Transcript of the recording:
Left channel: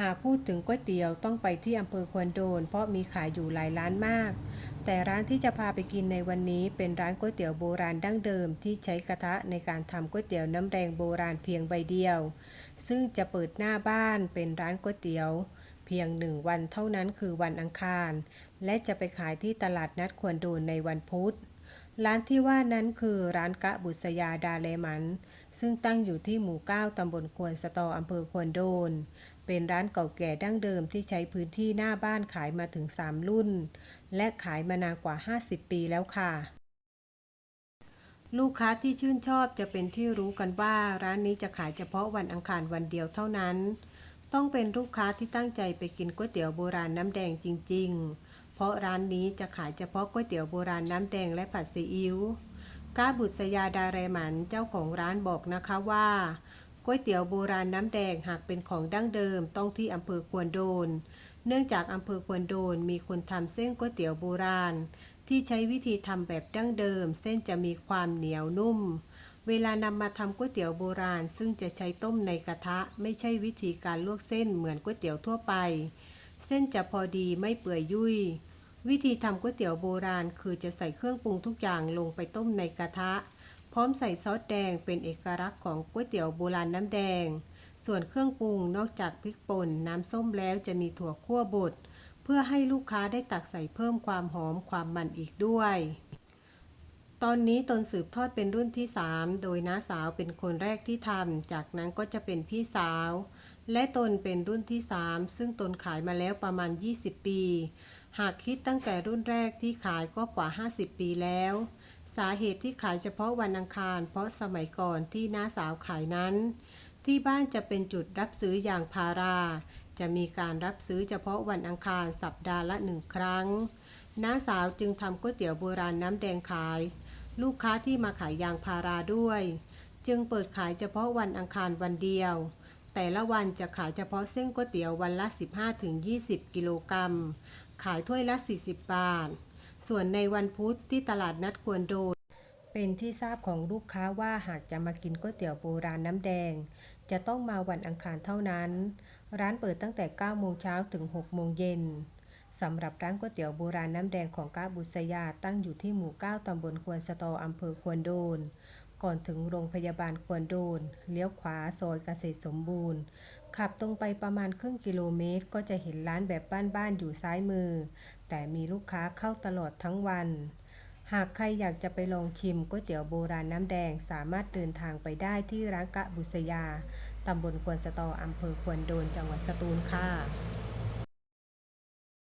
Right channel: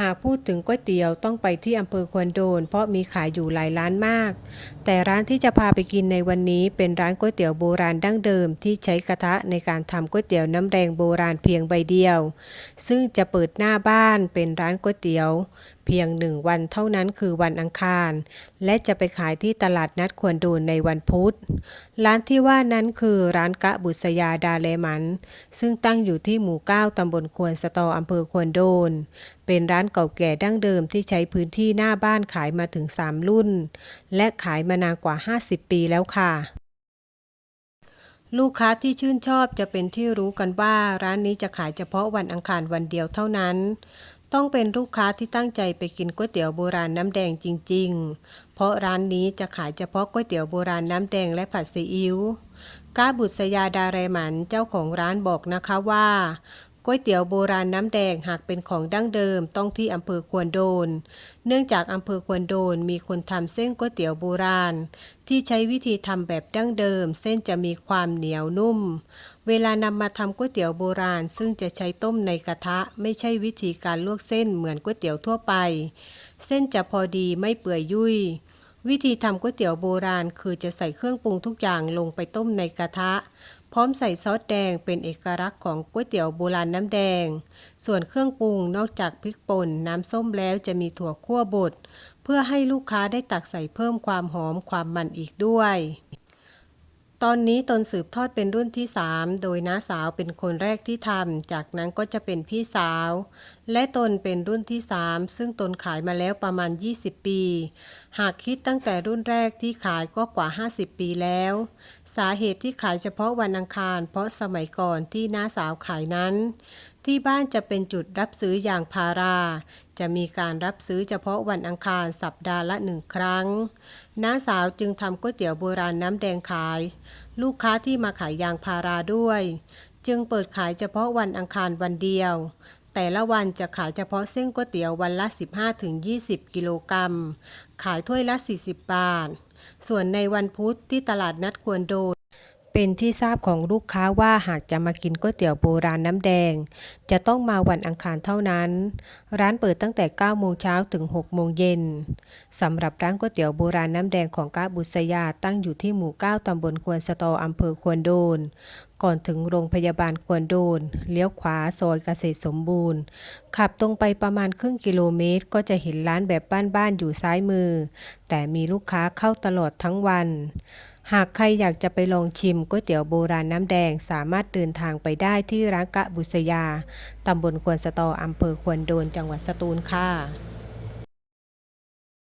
หากพูดถึงก๋วยเตี๋ยวต้องไปที่อำเภอควนโดน เพราะมีขายอยู่หลายร้านมาก แต่ร้านที่จะพาไปกินในวันนี้เป็นร้านก๋วยเตี๋ยวโบราณดั้งเดิม ที่ใช้กระทะในการทำก๋วยเตี๋ยวน้ำแดงโบราณเพียงใบเดียว ซึ่งจะเปิดหน้าบ้านเป็นร้านก๋วยเตี๋ยว พียงหนึ่งวันเท่านั้นคือวันอังคาร และจะไปขายที่ตลาดนัดควรโดนในวันพุธ ร้านที่ว่านั้นคือร้านกะบุษยาดาเลมัน ซึ่งตั้งอยู่ที่หมู่ 9 ตำบลควนสตออำเภอควนโดน เป็นร้านเก่าแก่ดั้งเดิมที่ใช้พื้นที่หน้าบ้านขายมาถึง 3 รุ่น และขายมานานกว่า 50 ปีแล้วค่ะลูกค้าที่ชื่นชอบจะเป็นที่รู้กันว่าร้านนี้จะขายเฉพาะวันอังคารวันเดียวเท่านั้น ต้องเป็นลูกค้าที่ตั้งใจไปกินก๋วยเตี๋ยวโบราณน้ำแดงจริง ๆ เพราะร้านนี้จะขายเฉพาะก๋วยเตี๋ยวโบราณน้ำแดงและผัดซีอิ๊วก้าบุษยาดาเรมันเจ้าของร้านบอกนะคะว่า ก๋วยเตี๋ยวโบราณน้ำแดงหากเป็นของดั้งเดิมต้องที่อำเภอควนโดน เนื่องจากอำเภอควนโดนมีคนทำเส้นก๋วยเตี๋ยวโบราณ ที่ใช้วิธีทำแบบดั้งเดิม เส้นจะมีความเหนียวนุ่ม เวลานำมาทำก๋วยเตี๋ยวโบราณ ซึ่งจะใช้ต้มในกระทะ ไม่ใช่วิธีการลวกเส้นเหมือนก๋วยเตี๋ยวทั่วไป เส้นจะพอดีไม่เปื่อยยุ่ยวิธีทำก๋วยเตี๋ยวโบราณ คือจะใส่เครื่องปรุงทุกอย่างลงไปต้มในกระทะ พร้อมใส่ซอสแดงเป็นเอกลักษณ์ของก๋วยเตี๋ยวโบราณน้ำแดง ส่วนเครื่องปรุงนอกจากพริกป่นน้ำส้มแล้วจะมีถั่วคั่วบดเพื่อให้ลูกค้าได้ตักใส่เพิ่มความหอมความมันอีกด้วย ตอนนี้ตนสืบทอดเป็นรุ่นที่ 3 โดยน้าสาวเป็นคนแรกที่ทำ จากนั้นก็จะเป็นพี่สาว และตนเป็นรุ่นที่ 3 ซึ่งตนขายมาแล้วประมาณ 20 ปี หากคิดตั้งแต่รุ่นแรกที่ขายก็กว่า 50 ปีแล้ว สาเหตุที่ขายเฉพาะวันอังคาร เพราะสมัยก่อนที่น้าสาวขายนั้น ที่บ้านจะเป็นจุดรับซื้ออย่างพารา จะมีการรับซื้อเฉพาะวันอังคารสัปดาห์ละหนึ่งครั้ง น้าสาวจึงทำก๋วยเตี๋ยวโบราณน้ำแดงขาย ลูกค้าที่มาขายยางพาราด้วย จึงเปิดขายเฉพาะวันอังคารวันเดียว แต่ละวันจะขายเฉพาะเส้นก๋วยเตี๋ยววันละ 15-20 กิโลกรัม ขายถ้วยละ 40 บาท ส่วนในวันพุธที่ตลาดนัดควรโดน เป็นที่ทราบของลูกค้าว่าหากจะมากินก๋วยเตี๋ยวโบราณน้ำแดง จะต้องมาวันอังคารเท่านั้น ร้านเปิดตั้งแต่ 9 โมงเช้าถึง 6 โมงเย็นสำหรับร้านก๋วยเตี๋ยวโบราณน้ำแดงของก้าบุษยาตั้งอยู่ที่หมู่ 9 ตำบลควนสตออำเภอควนโดน ก่อนถึงโรงพยาบาลควนโดน เลี้ยวขวาซอยเกษตรสมบูรณ์ ขับตรงไปประมาณครึ่งกิโลเมตร ก็จะเห็นร้านแบบบ้านๆอยู่ซ้ายมือ แต่มีลูกค้าเข้าตลอดทั้งวัน หากใครอยากจะไปลองชิมก๋วยเตี๋ยวโบราณน้ำแดงสามารถเดินทางไปได้ที่ร้านกะบุษยา ตำบลควนสตออำเภอควนโดนจังหวัดสตูลค่ะ